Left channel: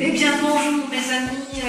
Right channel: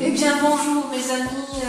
Eh bien bonjour mes amis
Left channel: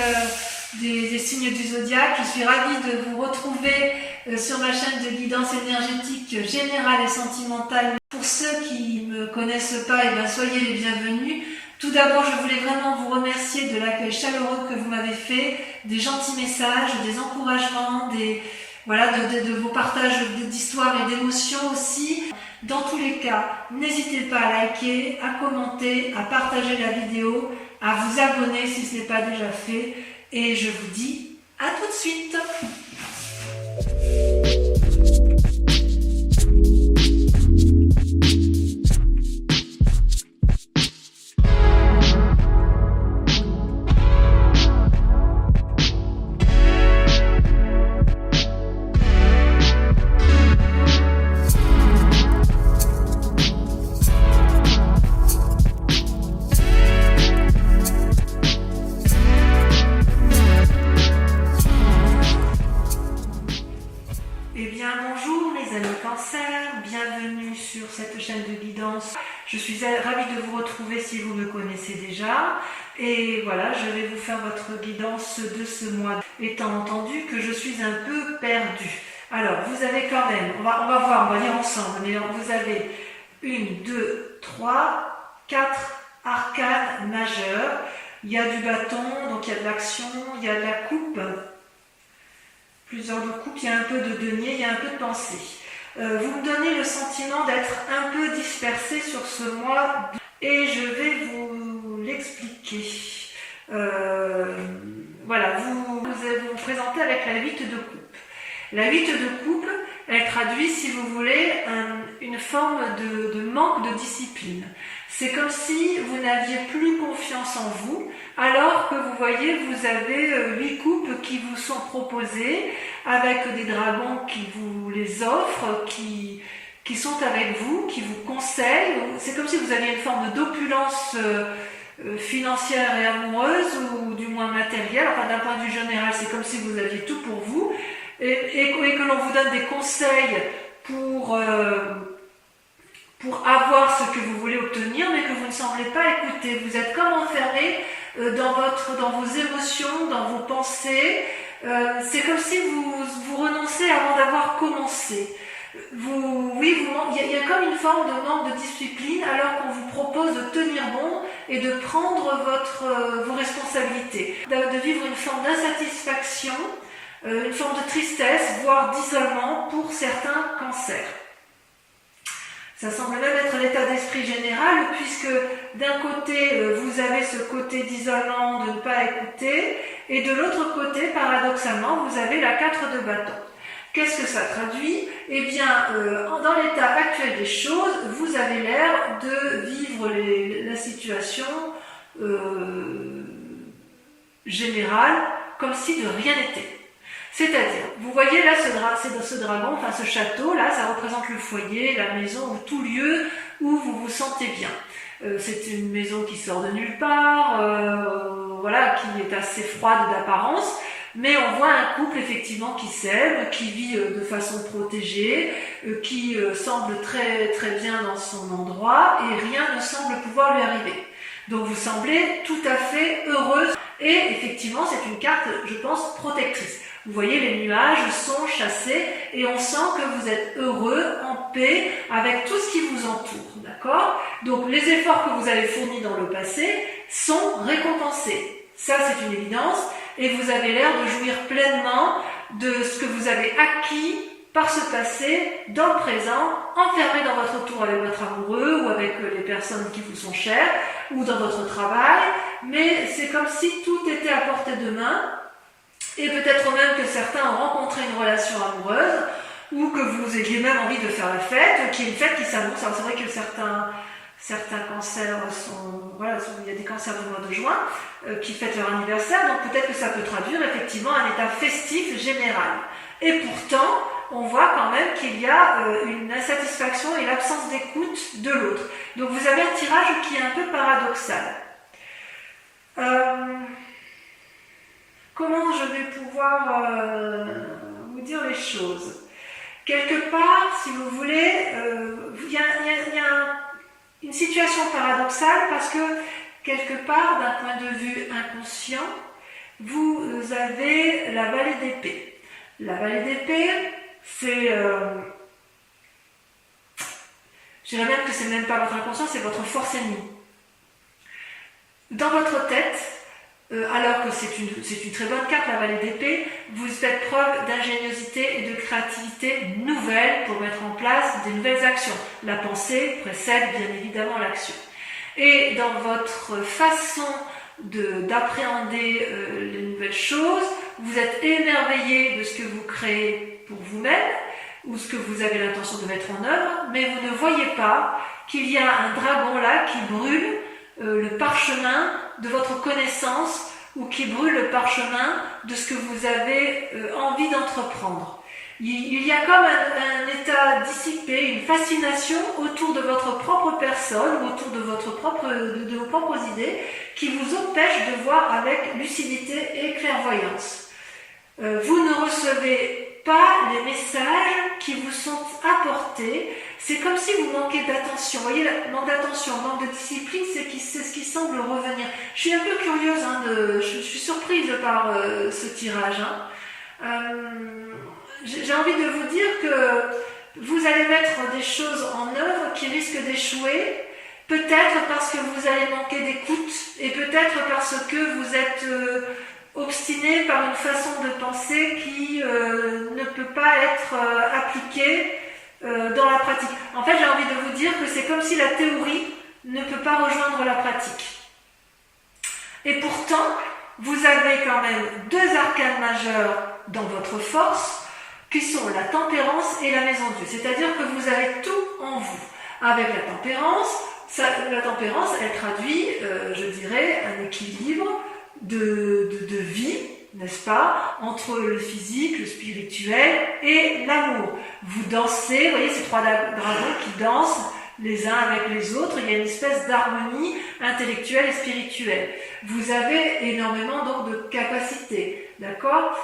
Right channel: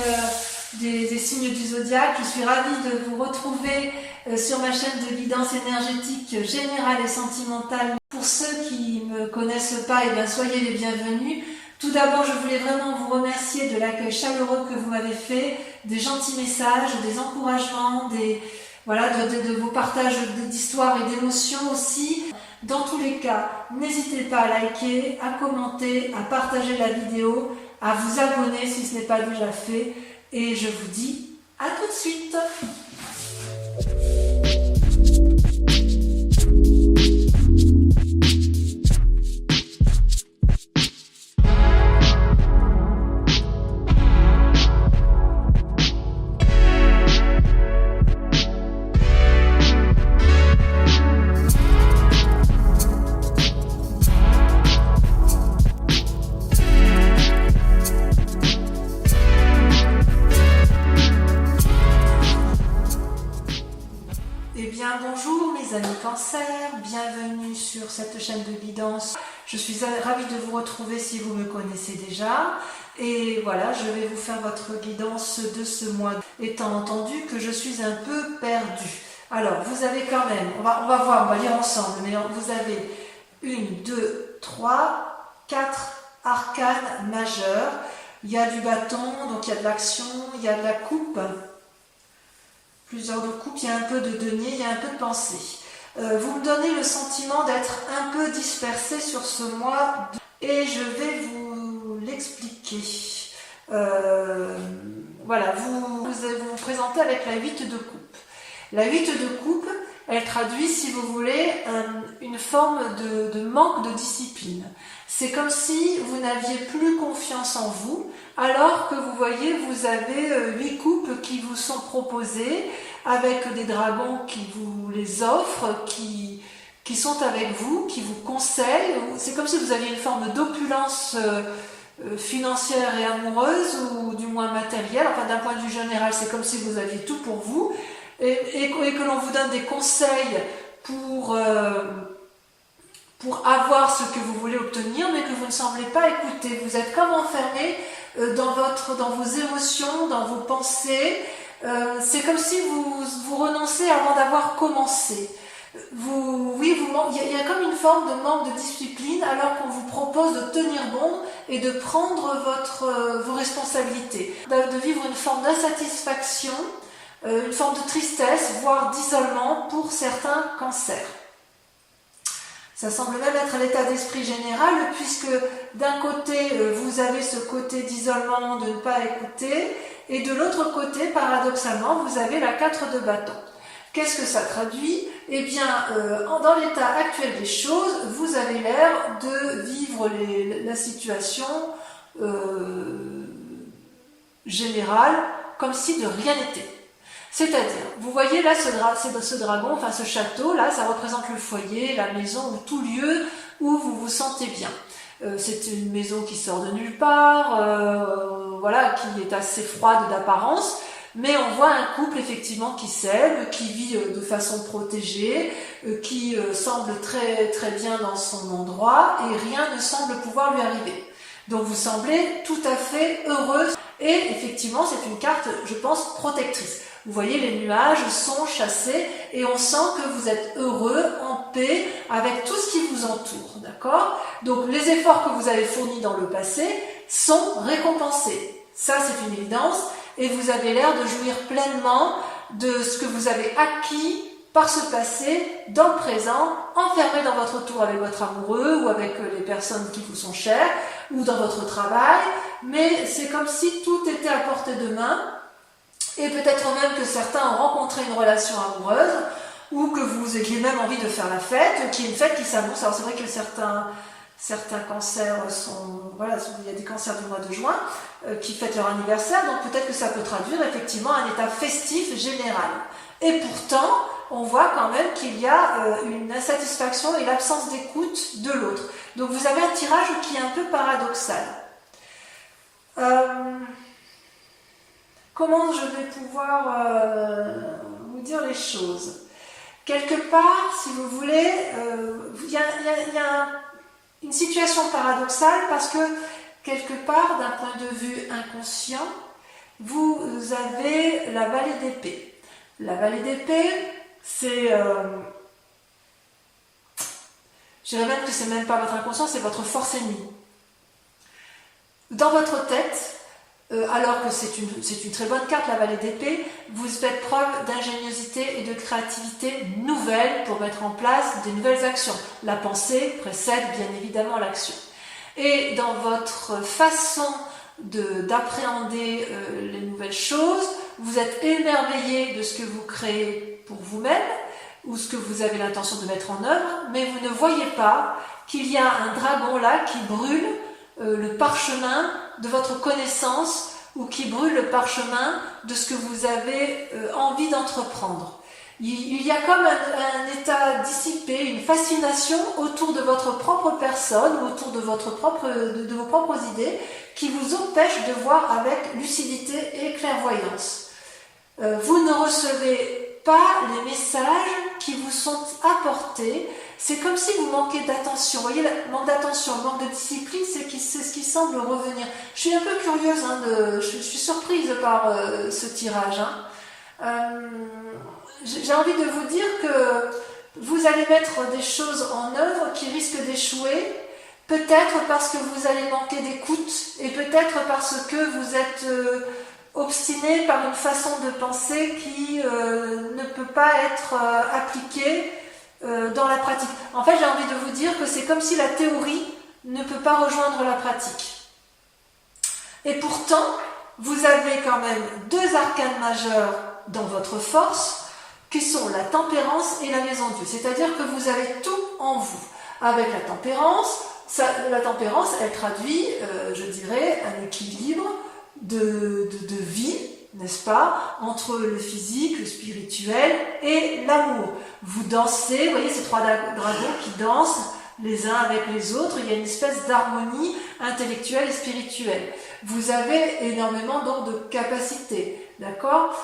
des signes du zodiaque, je suis ravie de vous retrouver sur ma chaîne de guidance énergétique générale et sentimentale. Pour ceux qui ne me connaissent pas, eh bien, soyez les bienvenus. Tout d'abord, je voulais vraiment vous remercier de l'accueil chaleureux que vous m'avez fait, des gentils messages, des encouragements, de vos partages d'histoires et d'émotions aussi. Dans tous les cas, n'hésitez pas à liker, à commenter, à partager la vidéo, à vous abonner si ce n'est pas déjà fait. Et je vous dis à tout de suite. Bonjour mes amis Cancer, bienvenue sur cette chaîne de guidance. Je suis ravie de vous retrouver si vous me connaissez déjà. Et voilà, je vais vous faire votre guidance de ce mois, étant entendu que je suis un peu perdue. Alors, vous avez quand même, on va voir, on va lire ensemble, mais vous avez 1, 2, 3, 4 arcanes majeures. Il y a du bâton, donc il y a de l'action, il y a de la coupe. Plusieurs de coupes, il y a un peu de denier, il y a un peu de pensée. Vous me donnez le sentiment d'être un peu dispersé sur ce mois et je vais vous l'expliquer. Voilà, vous vous présentez avec la 8 de coupe. La 8 de coupe, elle traduit, si vous voulez, une forme de manque de discipline. C'est comme si vous n'aviez plus confiance en vous, alors que vous voyez, vous avez 8 coupes qui vous sont proposées, avec des dragons qui vous les offrent, qui sont avec vous, qui vous conseillent. C'est comme si vous aviez une forme d'opulence financière et amoureuse, ou du moins matérielle. Enfin, d'un point de vue général, c'est comme si vous aviez tout pour vous, et que l'on vous donne des conseils pour avoir ce que vous voulez obtenir, mais que vous ne semblez pas écouter. Vous êtes comme enfermé dans vos émotions, dans vos pensées. C'est comme si vous renoncez avant d'avoir commencé. Il y a comme une forme de manque de discipline, alors qu'on vous propose de tenir bon et de prendre vos responsabilités, de vivre une forme d'insatisfaction, une forme de tristesse, voire d'isolement pour certains cancers. Ça semble même être l'état d'esprit général, puisque d'un côté, vous avez ce côté d'isolement, de ne pas écouter, et de l'autre côté, paradoxalement, vous avez la 4 de bâton. Qu'est-ce que ça traduit? Eh bien, dans l'état actuel des choses, vous avez l'air de vivre la situation générale comme si de rien n'était. C'est-à-dire, vous voyez là ce dragon, enfin ce château, là, ça représente le foyer, la maison, ou tout lieu où vous vous sentez bien. C'est une maison qui sort de nulle part, qui est assez froide d'apparence, mais on voit un couple effectivement qui s'aime, qui vit de façon protégée, qui semble très, très bien dans son endroit, et rien ne semble pouvoir lui arriver. Donc vous semblez tout à fait heureuse, et effectivement c'est une carte, je pense, protectrice. Vous voyez, les nuages sont chassés et on sent que vous êtes heureux, en paix, avec tout ce qui vous entoure, d'accord? Donc les efforts que vous avez fournis dans le passé sont récompensés. Ça, c'est une évidence, et vous avez l'air de jouir pleinement de ce que vous avez acquis par ce passé, dans le présent, enfermé dans votre tour avec votre amoureux ou avec les personnes qui vous sont chères, ou dans votre travail, mais c'est comme si tout était à portée de main. Et peut-être même que certains ont rencontré une relation amoureuse, ou que vous ayez même envie de faire la fête, qui est une fête qui s'annonce. Alors c'est vrai que certains cancers il y a des cancers du mois de juin qui fêtent leur anniversaire, donc peut-être que ça peut traduire effectivement un état festif général. Et pourtant, on voit quand même qu'il y a une insatisfaction et l'absence d'écoute de l'autre. Donc vous avez un tirage qui est un peu paradoxal. Comment je vais pouvoir vous dire les choses? Quelque part, si vous voulez, il y a une situation paradoxale, parce que quelque part, d'un point de vue inconscient, vous avez la vallée d'épée. La vallée d'épée, c'est... je dirais même que c'est même pas votre inconscient, c'est votre force ennemie. Dans votre tête, alors que c'est une très bonne carte, la vallée d'épée, vous faites preuve d'ingéniosité et de créativité nouvelle pour mettre en place des nouvelles actions. La pensée précède bien évidemment l'action. Et dans votre façon d'appréhender les nouvelles choses, vous êtes émerveillé de ce que vous créez pour vous-même, ou ce que vous avez l'intention de mettre en œuvre, mais vous ne voyez pas qu'il y a un dragon là qui brûle le parchemin de votre connaissance ou qui brûle le parchemin de ce que vous avez envie d'entreprendre. Il y a comme un état dissipé, une fascination autour de votre propre personne, autour de, de vos propres idées, qui vous empêche de voir avec lucidité et clairvoyance. Vous ne recevez pas les messages qui vous sont apportés. C'est comme si vous manquez d'attention. Vous voyez, le manque d'attention, le manque de discipline, c'est ce qui semble revenir. Je suis un peu curieuse, je suis surprise par ce tirage. J'ai envie de vous dire que vous allez mettre des choses en œuvre qui risquent d'échouer, peut-être parce que vous allez manquer d'écoute et peut-être parce que vous êtes obstiné par une façon de penser qui ne peut pas être appliquée dans la pratique. En fait, j'ai envie de vous dire que c'est comme si la théorie ne peut pas rejoindre la pratique. Et pourtant, vous avez quand même deux arcanes majeurs dans votre force, qui sont la tempérance et la maison Dieu. C'est-à-dire que vous avez tout en vous. Avec la tempérance, elle traduit, je dirais, un équilibre de vie, n'est-ce pas, entre le physique, le spirituel et l'amour. Vous dansez, vous voyez ces trois dragons qui dansent les uns avec les autres, il y a une espèce d'harmonie intellectuelle et spirituelle. Vous avez énormément donc de capacités, d'accord ?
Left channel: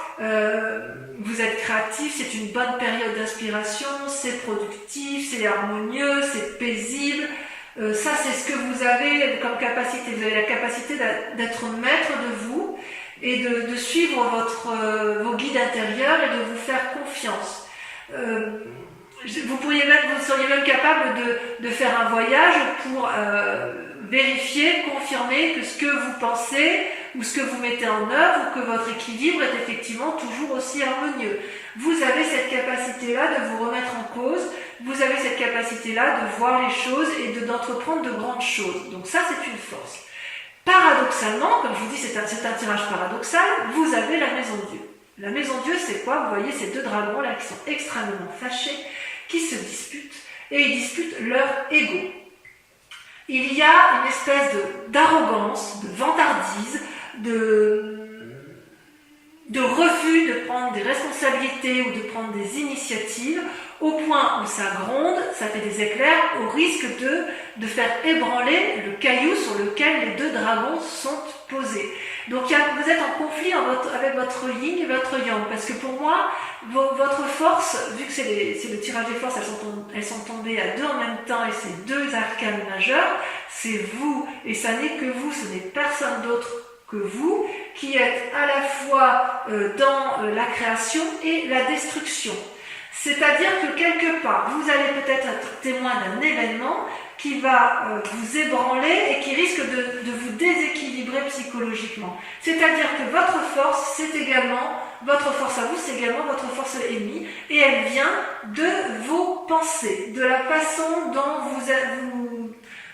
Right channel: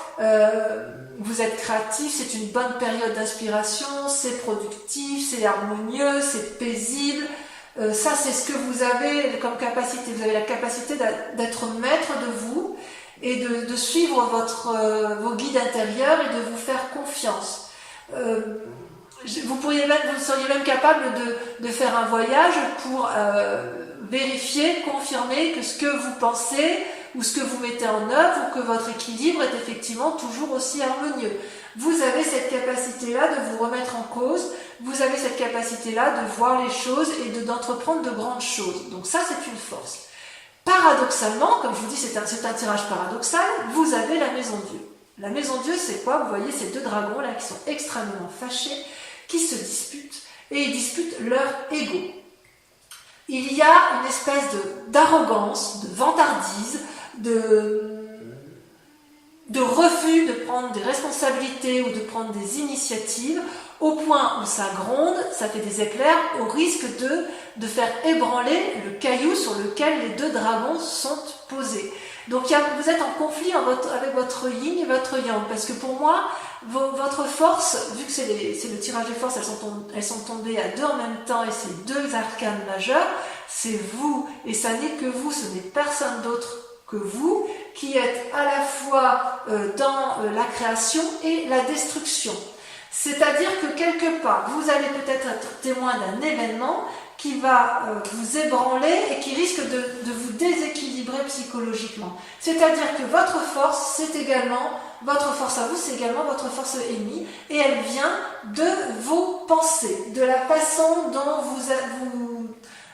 Vous êtes créatif, c'est une bonne période d'inspiration, c'est productif, c'est harmonieux, c'est paisible. Ça, c'est ce que vous avez comme capacité. Vous avez la capacité d'être maître de vous et de suivre vos guides intérieurs et de vous faire confiance. Vous seriez même capable de faire un voyage pour vérifier, confirmer que ce que vous pensez ou ce que vous mettez en œuvre ou que votre équilibre est effectivement toujours aussi harmonieux. Vous avez cette capacité-là de vous remettre en cause, vous avez cette capacité-là de voir les choses et d'entreprendre de grandes choses. Donc ça, c'est une force. Paradoxalement, comme je vous dis, c'est un tirage paradoxal, vous avez la maison Dieu. La maison Dieu, c'est quoi ? Vous voyez ces deux dragons-là qui sont extrêmement fâchés, qui se disputent, et ils disputent leur ego. Il y a une espèce d'arrogance, de vantardise, de refus de prendre des responsabilités ou de prendre des initiatives, au point où ça gronde, ça fait des éclairs, au risque de faire ébranler le caillou sur lequel les deux dragons sont posés. Donc vous êtes en conflit avec votre yin et votre yang, parce que pour moi, votre force, vu que c'est le tirage des forces, elles sont tombées à deux en même temps, et c'est deux arcanes majeures, c'est vous, et ça n'est que vous, ce n'est personne d'autre que vous, qui êtes à la fois dans la création et la destruction. C'est-à-dire que quelque part, vous allez peut-être être témoin d'un événement qui va vous ébranler et qui risque de vous déséquilibrer psychologiquement. C'est-à-dire que votre force, votre force à vous, c'est également votre force ennemie, et elle vient de vos pensées, de la façon dont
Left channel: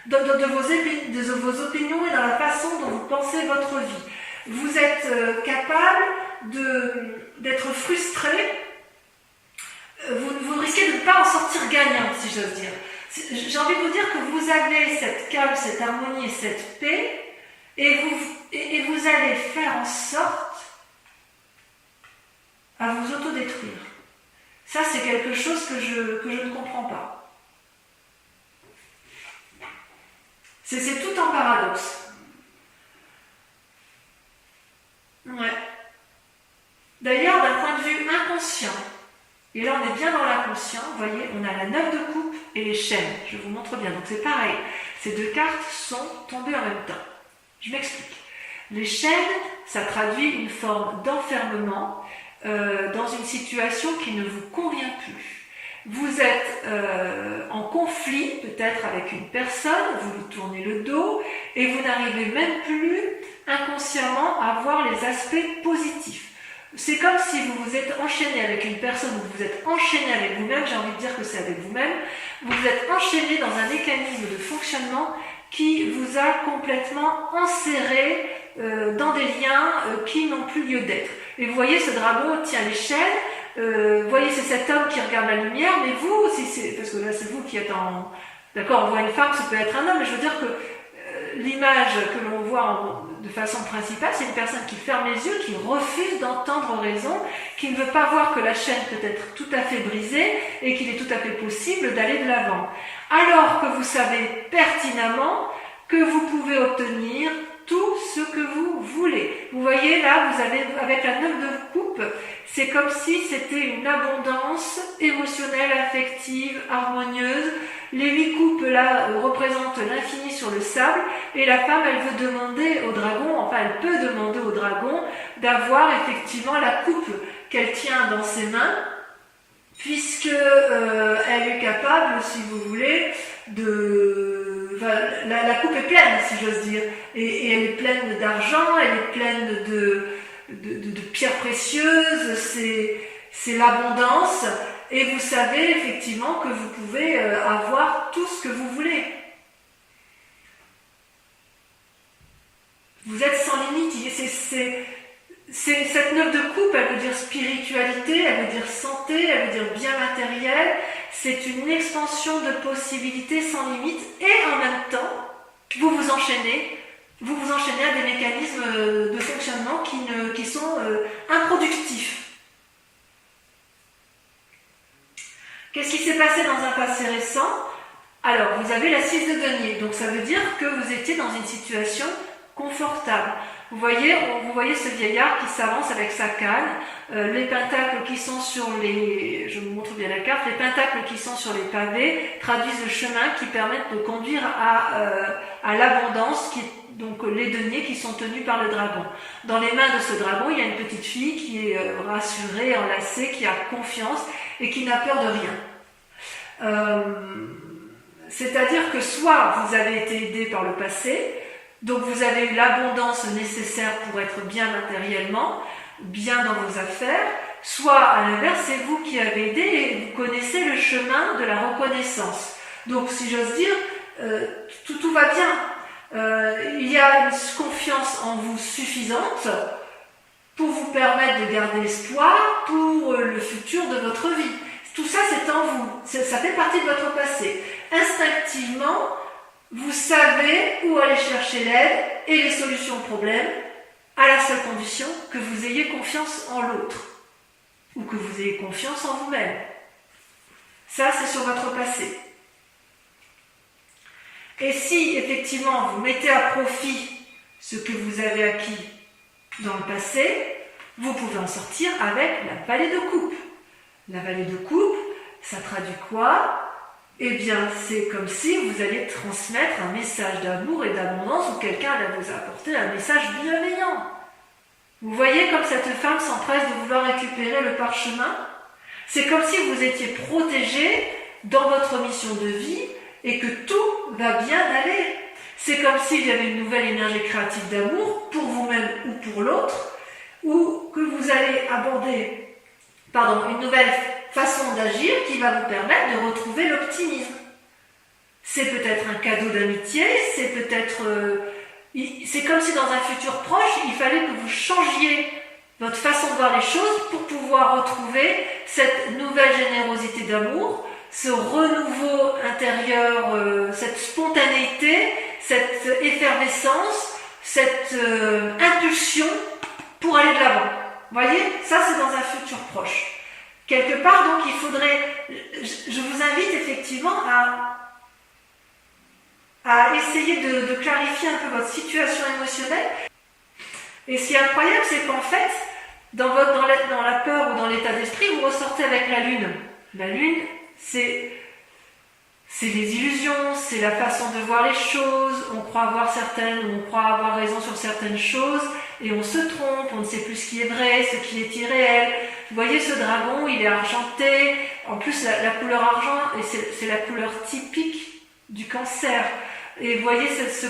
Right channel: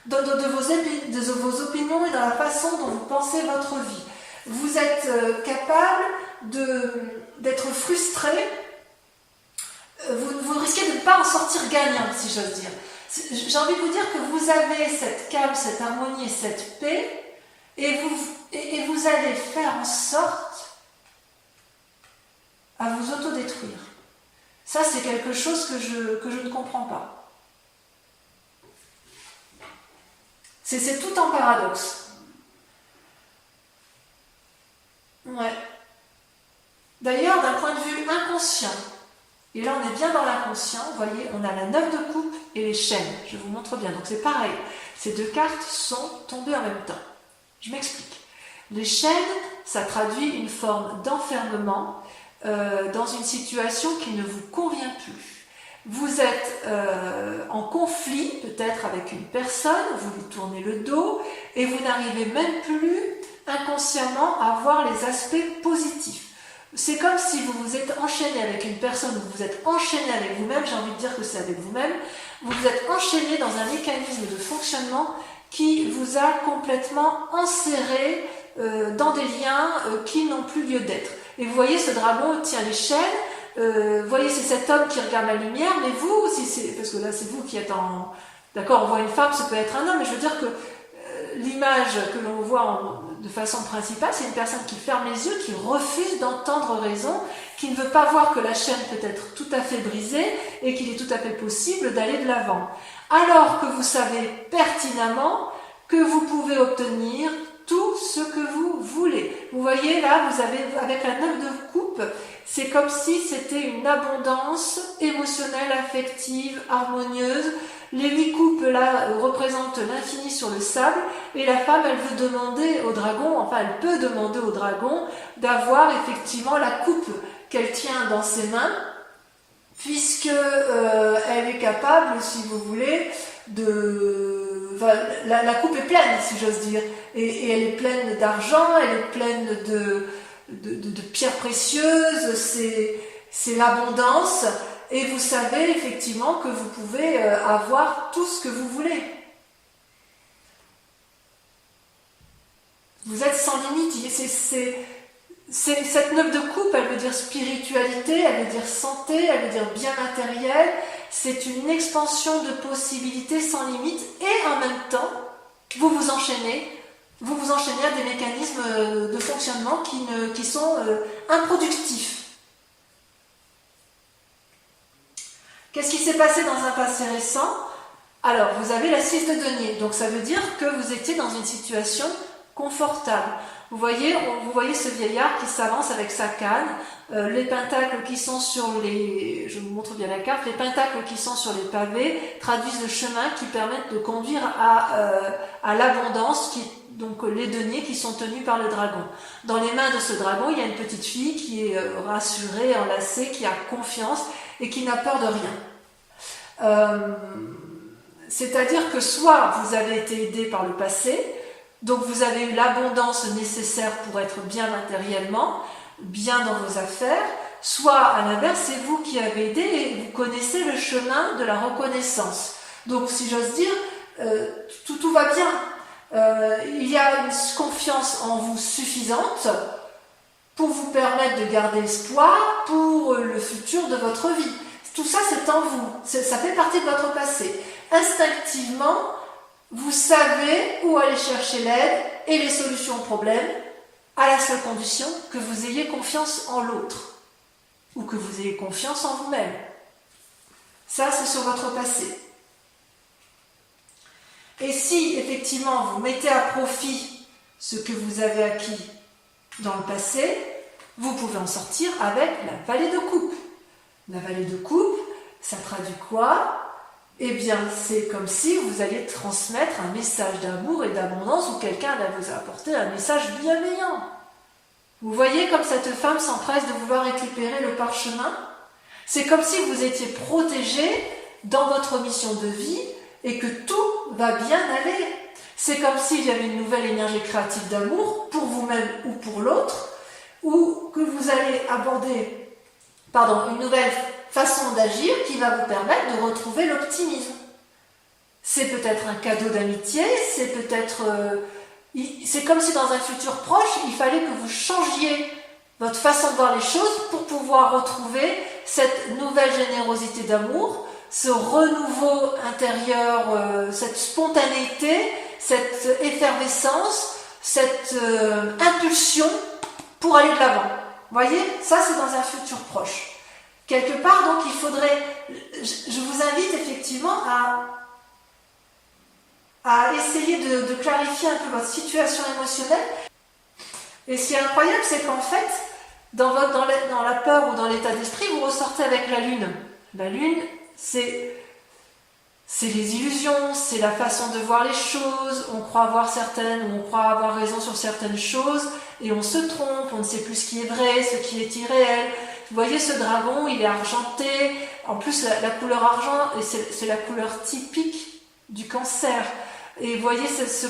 de vos opinions et dans la façon dont vous pensez votre vie. Vous êtes capable d'être frustré, vous risquez de ne pas en sortir gagnant, si j'ose dire. J'ai envie de vous dire que vous avez cette calme, cette harmonie et cette paix, et vous allez faire en sorte à vous autodétruire. Ça, c'est quelque chose que je ne comprends pas. C'est tout en paradoxe. Ouais. D'ailleurs, d'un point de vue inconscient, et là on est bien dans l'inconscient, vous voyez, on a la 9 de coupe et les chaînes. Je vous montre bien, donc c'est pareil. Ces deux cartes sont tombées en même temps. Je m'explique. Les chaînes, ça traduit une forme d'enfermement dans une situation qui ne vous convient plus. Vous êtes en conflit peut-être avec une personne, vous lui tournez le dos et vous n'arrivez même plus inconsciemment à voir les aspects positifs. C'est comme si vous vous êtes enchaîné avec une personne, vous vous êtes enchaîné avec vous-même, j'ai envie de dire que c'est avec vous-même, vous vous êtes enchaîné dans un mécanisme de fonctionnement qui vous a complètement enserré dans des liens qui n'ont plus lieu d'être. Et vous voyez, ce dragon tient les chaînes, vous voyez, c'est cet homme qui regarde la lumière, mais vous, si c'est, parce que là c'est vous qui êtes en... D'accord, on voit une femme, ça peut être un homme, mais je veux dire que l'image que l'on voit de façon principale, c'est une personne qui ferme les yeux, qui refuse d'entendre raison, qui ne veut pas voir que la chaîne peut être tout à fait brisée et qu'il est tout à fait possible d'aller de l'avant. Alors que vous savez pertinemment que vous pouvez obtenir tout ce que vous voulez. Vous voyez là, vous avez avec la 9 de coupe, c'est comme si c'était une abondance émotionnelle, affective, harmonieuse. Les 8 coupes là représentent l'infini sur le sable et la femme elle veut demander au dragon, enfin elle peut demander au dragon d'avoir effectivement la coupe qu'elle tient dans ses mains puisque elle est capable, si vous voulez, de... Enfin, la coupe est pleine, si j'ose dire, et elle est pleine d'argent, elle est pleine de pierres précieuses, c'est l'abondance. Et vous savez effectivement que vous pouvez avoir tout ce que vous voulez. Vous êtes sans limite. Cette 9 de coupe, elle veut dire spiritualité, elle veut dire santé, elle veut dire bien matériel. C'est une expansion de possibilités sans limite. Et en même temps, vous vous enchaînez à des mécanismes de fonctionnement qui sont improductifs. Qu'est-ce qui s'est passé dans un passé récent? Alors, vous avez la 6 de denier, donc ça veut dire que vous étiez dans une situation confortable. Vous voyez ce vieillard qui s'avance avec sa canne, les pentacles qui sont sur les... Je vous montre bien la carte. Les pentacles qui sont sur les pavés traduisent le chemin qui permettent de conduire à l'abondance, donc les deniers qui sont tenus par le dragon. Dans les mains de ce dragon, il y a une petite fille qui est rassurée, enlacée, qui a confiance et qui n'a peur de rien. C'est-à-dire que soit vous avez été aidé par le passé, donc vous avez eu l'abondance nécessaire pour être bien matériellement, bien dans vos affaires, soit à l'inverse, c'est vous qui avez aidé et vous connaissez le chemin de la reconnaissance. Donc si j'ose dire, tout va bien. Il y a une confiance en vous suffisante pour vous permettre de garder espoir pour le futur de votre vie. Tout ça, c'est en vous. Ça fait partie de votre passé. Instinctivement, vous savez où aller chercher l'aide et les solutions aux problèmes, à la seule condition que vous ayez confiance en l'autre ou que vous ayez confiance en vous-même. Ça, c'est sur votre passé. Et si, effectivement, vous mettez à profit ce que vous avez acquis dans le passé, vous pouvez en sortir avec la vallée de coupe. La vallée de coupe, ça traduit quoi? Eh bien, c'est comme si vous alliez transmettre un message d'amour et d'abondance ou quelqu'un va vous apporter un message bienveillant. Vous voyez comme cette femme s'empresse de vouloir récupérer le parchemin? C'est comme si vous étiez protégé dans votre mission de vie et que tout va bien aller. C'est comme s'il y avait une nouvelle énergie créative d'amour pour vous-même ou pour l'autre, ou que vous allez aborder une nouvelle façon d'agir qui va vous permettre de retrouver l'optimisme. C'est peut-être un cadeau d'amitié, c'est peut-être... c'est comme si dans un futur proche, il fallait que vous changiez votre façon de voir les choses pour pouvoir retrouver cette nouvelle générosité d'amour, ce renouveau intérieur, cette spontanéité, cette effervescence, cette impulsion pour aller de l'avant. Vous voyez, ça c'est dans un futur proche. Quelque part, donc, il faudrait... Je vous invite effectivement à essayer de clarifier un peu votre situation émotionnelle. Et ce qui est incroyable, c'est qu'en fait, dans la peur ou dans l'état d'esprit, vous ressortez avec la lune. La lune, c'est c'est les illusions, c'est la façon de voir les choses. On croit avoir certaines ou on croit avoir raison sur certaines choses et on se trompe, on ne sait plus ce qui est vrai, ce qui est irréel. Vous voyez ce dragon, il est argenté. En plus, la couleur argent, c'est la couleur typique du cancer. Et vous voyez ce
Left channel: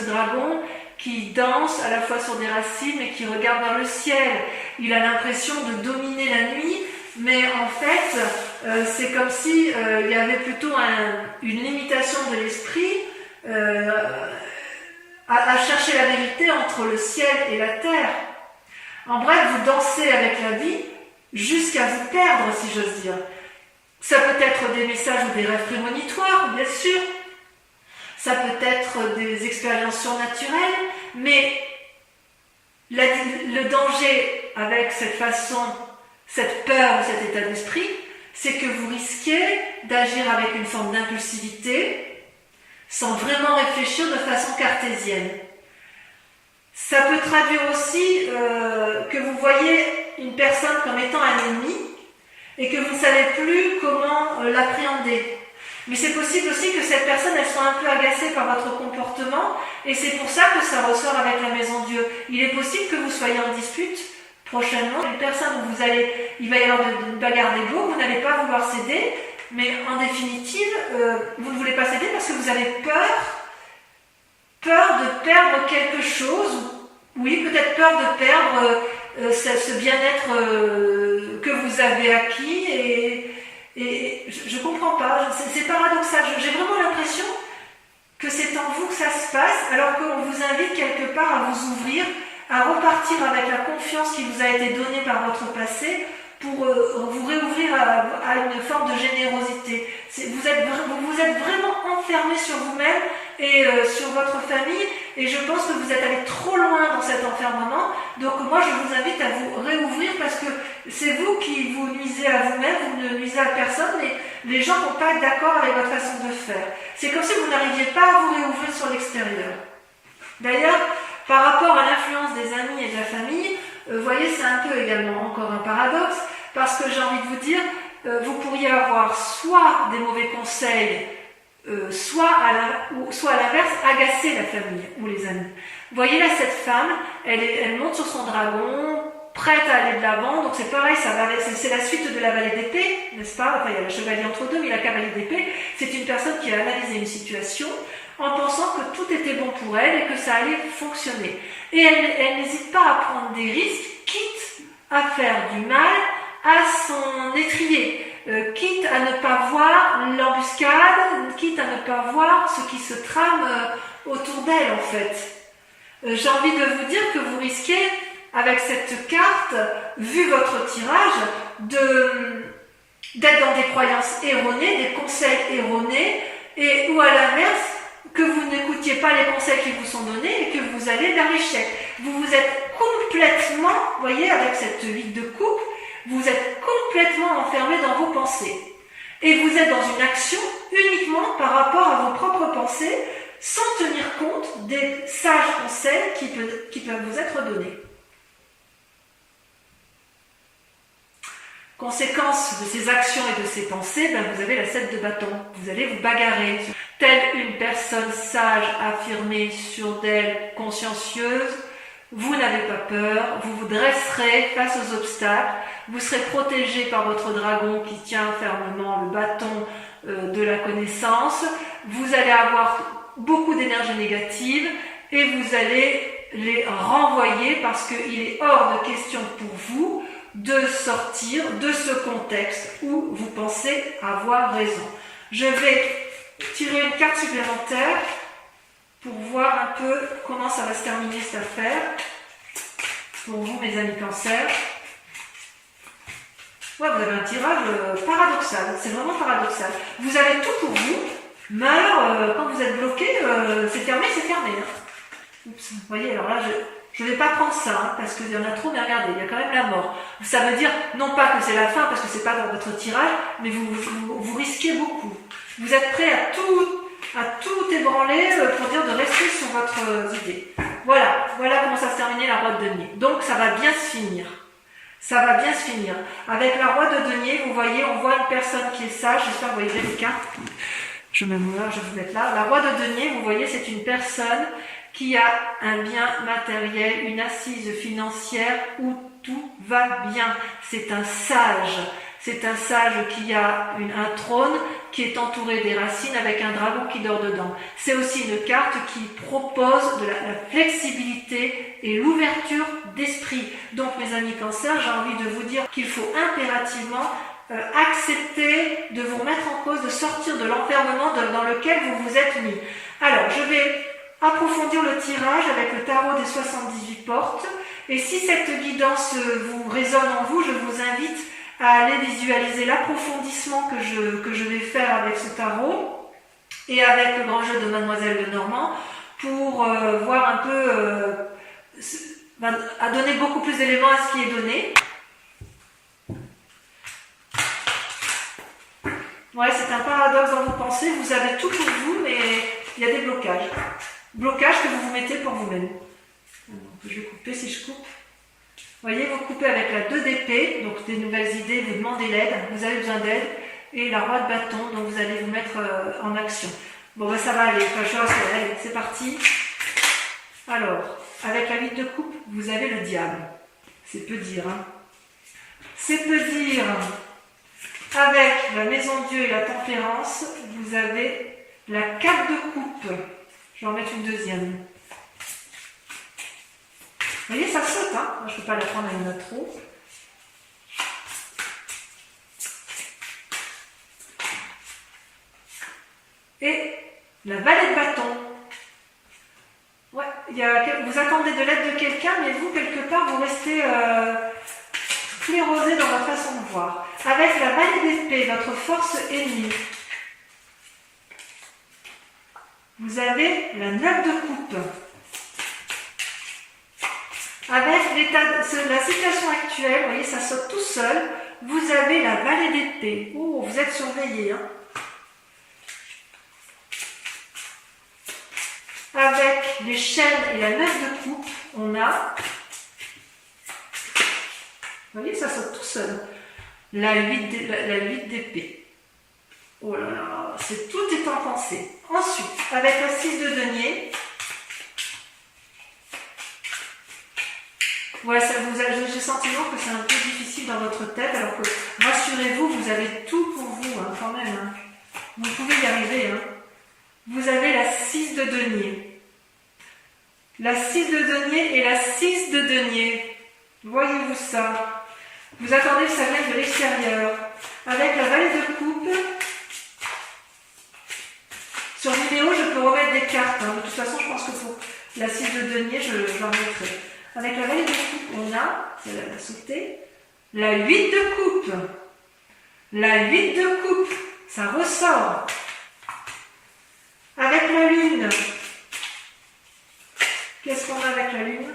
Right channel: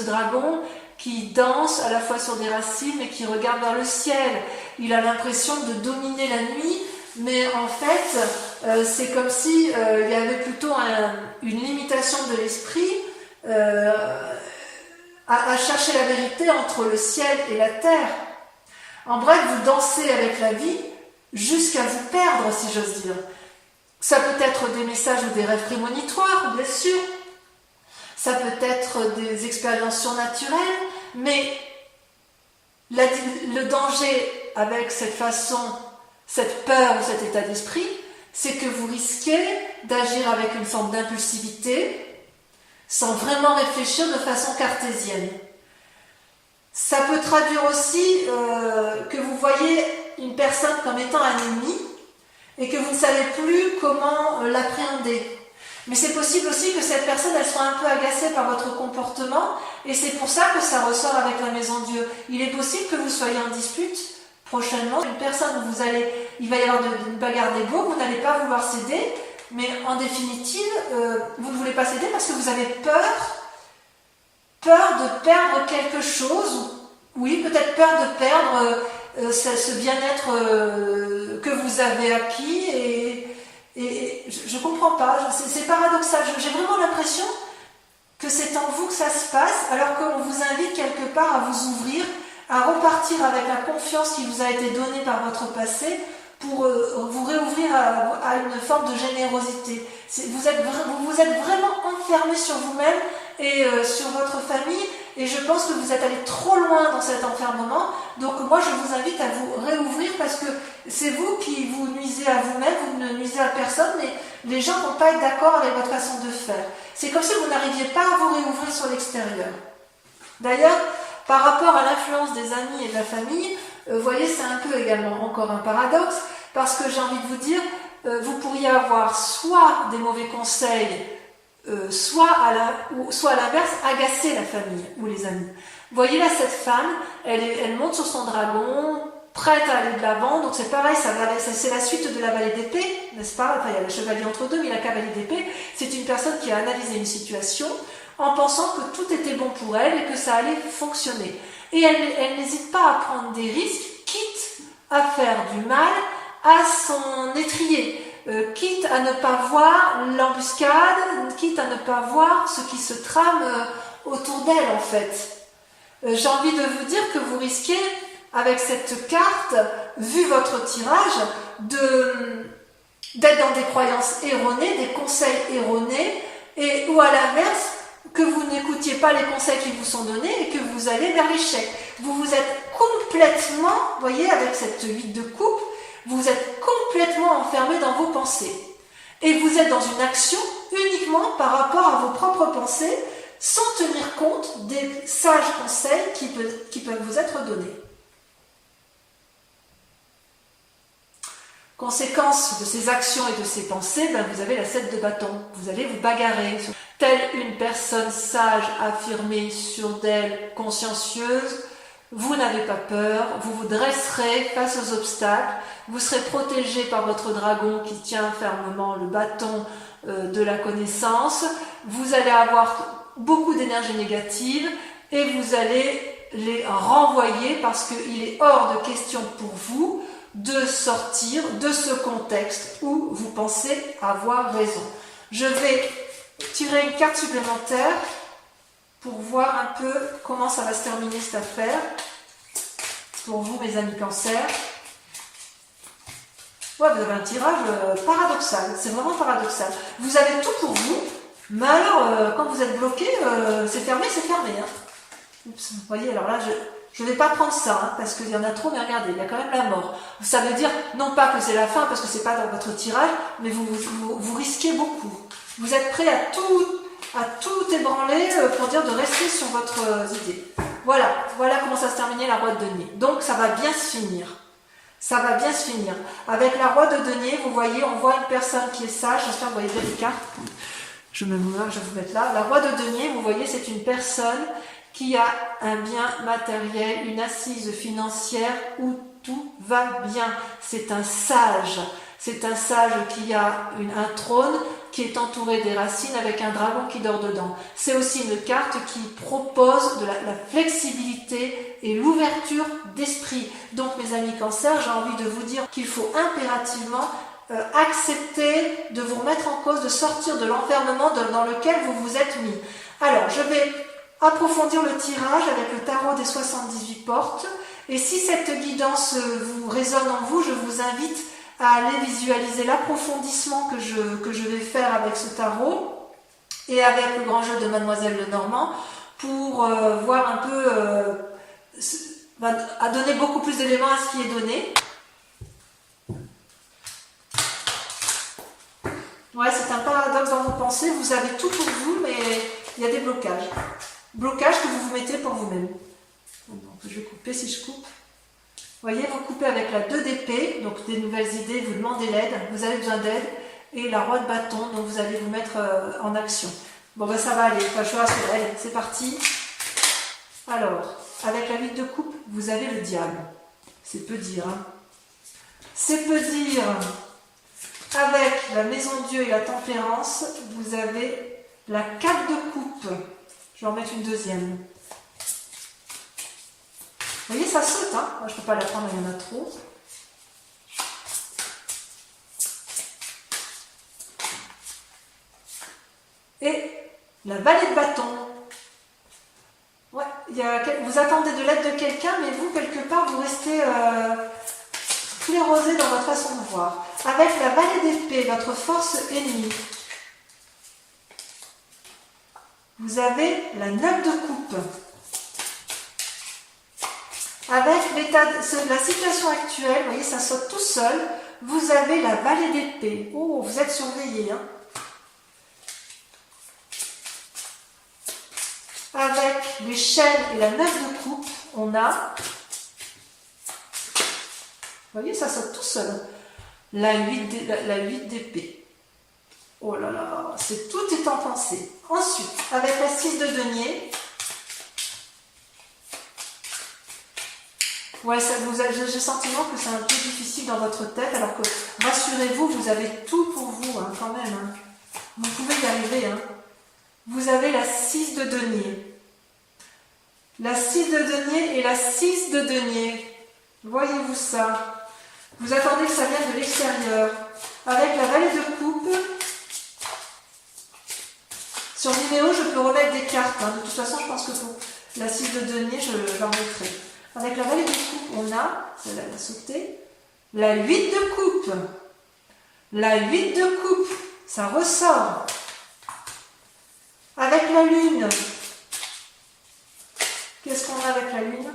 dragon qui danse à la fois sur des racines et qui regarde vers le ciel. Il a l'impression de dominer la nuit, mais en fait, c'est comme si il y avait plutôt une limitation de l'esprit à chercher la vérité entre le ciel et la terre. En bref, vous dansez avec la vie jusqu'à vous perdre, si j'ose dire. Ça peut être des messages ou des rêves prémonitoires, bien sûr. Ça peut être des expériences surnaturelles, mais le danger avec cette façon, cette peur ou cet état d'esprit, c'est que vous risquez d'agir avec une forme d'impulsivité sans vraiment réfléchir de façon cartésienne. Ça peut traduire aussi que vous voyez une personne comme étant un ennemi et que vous ne savez plus comment l'appréhender. Mais c'est possible aussi que cette personne elle soit un peu agacée par votre comportement et c'est pour ça que ça ressort avec la Maison Dieu. Il est possible que vous soyez en dispute prochainement. Une personne où il va y avoir une bagarre d'ego, vous n'allez pas vouloir céder, mais en définitive, vous ne voulez pas céder parce que vous avez peur de perdre quelque chose. Oui, peut-être peur de perdre ce bien-être que vous avez acquis et je comprends pas, c'est paradoxal. J'ai vraiment l'impression que c'est en vous que ça se passe, alors qu'on vous invite quelque part à vous ouvrir, à repartir avec la confiance qui vous a été donnée par votre passé pour vous réouvrir à une forme de générosité. Vous êtes vraiment enfermé sur vous-même et sur votre famille, et je pense que vous êtes allé trop loin dans cet enfermement. Donc moi je vous invite à vous réouvrir parce que c'est vous qui vous nuisez à vous-même, vous ne nuisez à personne, mais les gens ne vont pas être d'accord avec votre façon de faire. C'est comme si vous n'arriviez pas à vous réouvrir sur l'extérieur. D'ailleurs, par rapport à l'influence des amis et de la famille, vous voyez, c'est un peu également encore un paradoxe, parce que j'ai envie de vous dire, vous pourriez avoir soit des mauvais conseils, soit à l'inverse, agacer la famille ou les amis. Vous voyez là, cette femme, elle monte sur son dragon, prête à aller de l'avant, donc c'est pareil, c'est la suite de la vallée d'épée, n'est-ce pas? Enfin, il y a le chevalier entre deux, mais la cavalier d'épée, c'est une personne qui a analysé une situation en pensant que tout était bon pour elle et que ça allait fonctionner. Et elle n'hésite pas à prendre des risques, quitte à faire du mal à son étrier, quitte à ne pas voir l'embuscade, quitte à ne pas voir ce qui se trame autour d'elle en fait. J'ai envie de vous dire que vous risquez, avec cette carte, vu votre tirage, d'être dans des croyances erronées, des conseils erronés, ou à l'inverse, que vous n'écoutiez pas les conseils qui vous sont donnés et que vous allez vers l'échec. Vous vous êtes complètement, vous voyez, avec cette 8 de coupe, vous êtes complètement enfermé dans vos pensées. Et vous êtes dans une action uniquement par rapport à vos propres pensées, sans tenir compte des sages conseils qui peuvent vous être donnés. Conséquence de ces actions et de ces pensées, vous avez la 7 de bâton. Vous allez vous bagarrer. Telle une personne sage, affirmée, sûre d'elle, consciencieuse, vous n'avez pas peur, vous vous dresserez face aux obstacles, vous serez protégé par votre dragon qui tient fermement le bâton de la connaissance, vous allez avoir beaucoup d'énergie négative et vous allez les renvoyer parce qu'il est hors de question pour vous de sortir de ce contexte où vous pensez avoir raison. Je vais tirer une carte supplémentaire pour voir un peu comment ça va se terminer cette affaire. Pour vous, mes amis cancer. Ouais, vous avez un tirage paradoxal. C'est vraiment paradoxal. Vous avez tout pour vous, mais alors, quand vous êtes bloqué, c'est fermé, hein. Oups, vous voyez, alors là, je ne vais pas prendre ça, hein, parce qu'il y en a trop, mais regardez, il y a quand même la mort. Ça veut dire, non pas que c'est la fin, parce que c'est pas dans votre tirage, mais vous risquez beaucoup. Vous êtes prêt à tout ébranler pour dire de rester sur votre idée. Voilà comment ça se terminait la roue de denier. Donc ça va bien se finir. Ça va bien se finir. Avec la Roi de denier, vous voyez, on voit une personne qui est sage. J'espère que vous voyez bien les cartes. Je vais vous mettre là. La Roi de denier, vous voyez, c'est une personne qui a un bien matériel, une assise financière où tout va bien. C'est un sage. C'est un sage qui a un trône qui est entouré des racines avec un dragon qui dort dedans. C'est aussi une carte qui propose de la flexibilité et l'ouverture d'esprit. Donc mes amis Cancer, j'ai envie de vous dire qu'il faut impérativement accepter de vous remettre en cause, de sortir de l'enfermement dans lequel vous vous êtes mis. Alors je vais approfondir le tirage avec le tarot des 78 portes. Et si cette guidance vous résonne en vous, je vous invite à aller visualiser l'approfondissement que je vais faire avec ce tarot et avec le grand jeu de Mademoiselle Lenormand pour voir un peu, à donner beaucoup plus d'éléments à ce qui est donné. Ouais, c'est un paradoxe dans vos pensées, vous avez tout pour vous, mais il y a des blocages. Blocages que vous vous mettez pour vous-même. Je vais couper si je coupe. Vous voyez, vous coupez avec la 2 d'épée, donc des nouvelles idées, vous demandez l'aide, vous avez besoin d'aide, et la Roi de bâton, donc vous allez vous mettre en action. Bon, ben ça va aller, enfin, je rassure, allez, c'est parti. Alors, avec la 8 de coupe, vous avez le diable. C'est peu dire, hein. C'est peu dire. Avec la maison Dieu et la tempérance, vous avez la 4 de coupe. Je vais en mettre une deuxième. Vous voyez, ça saute, hein. Moi, je ne peux pas la prendre, il y en a trop. Et la vallée de bâton. Ouais, vous attendez de l'aide de quelqu'un, mais vous, quelque part, vous restez sclérosé dans votre façon de voir. Avec la vallée d'épée, votre force ennemie. Vous avez la 9 de coupe. Avec la situation actuelle, vous voyez, ça saute tout seul. Vous avez la vallée d'épée. Oh, vous êtes surveillé, hein. Avec les chaînes et la 9 de coupe, on a, vous voyez, ça saute tout seul. La 8 d'épée. Oh là là, tout est en pensée. Ensuite, avec la 6 de denier, ouais, j'ai le sentiment que c'est un peu difficile dans votre tête, alors que, rassurez-vous, vous avez tout pour vous, hein, quand même. Hein. Vous pouvez y arriver. Hein. Vous avez la 6 de denier. La 6 de denier et la 6 de denier. Voyez-vous ça? Vous attendez que ça vienne de l'extérieur. Avec la vallée de coupe, sur vidéo, je peux remettre des cartes. Hein. De toute façon, je pense que pour la 6 de denier, je l'en mettrai. Avec la vallée de coupe, on a, celle-là va sauter, la 8 de coupe. La 8 de coupe, ça ressort. Avec la lune, qu'est-ce qu'on a avec la lune?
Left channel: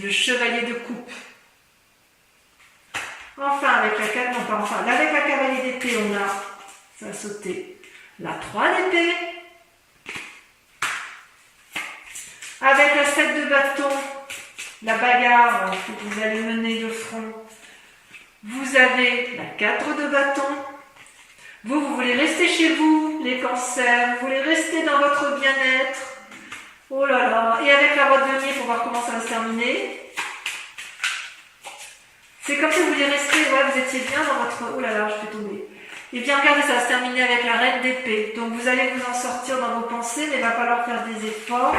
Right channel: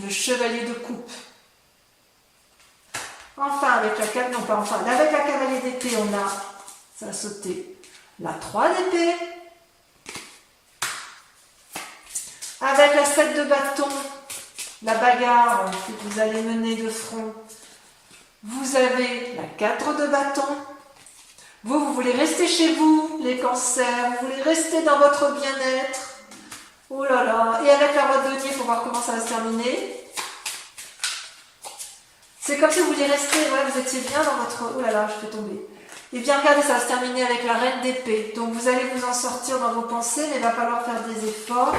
Le chevalier de coupe. Enfin, avec la cavalier d'épée, on a, ça a sauté, la 3 d'épée. Avec la 7 de bâton, la bagarre que vous allez mener de front. Vous avez la 4 de bâton. Vous voulez rester chez vous, les cancers. Vous voulez rester dans votre bien-être. Oh là là. Et avec la Roi de denier pour voir comment ça va se terminer. C'est comme si vous vouliez rester, ouais, vous étiez bien dans votre... Oh là là, je fais tomber. Et bien regardez, ça va se terminer avec la reine d'épée. Donc vous allez vous en sortir dans vos pensées, mais il va falloir faire des efforts.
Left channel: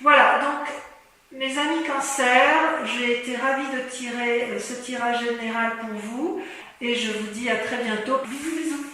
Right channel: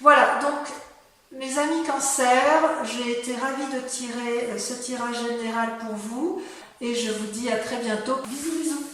Voilà, donc mes amis Cancer, j'ai été ravie de tirer ce tirage général pour vous. Et je vous dis à très bientôt. Bisous, bisous.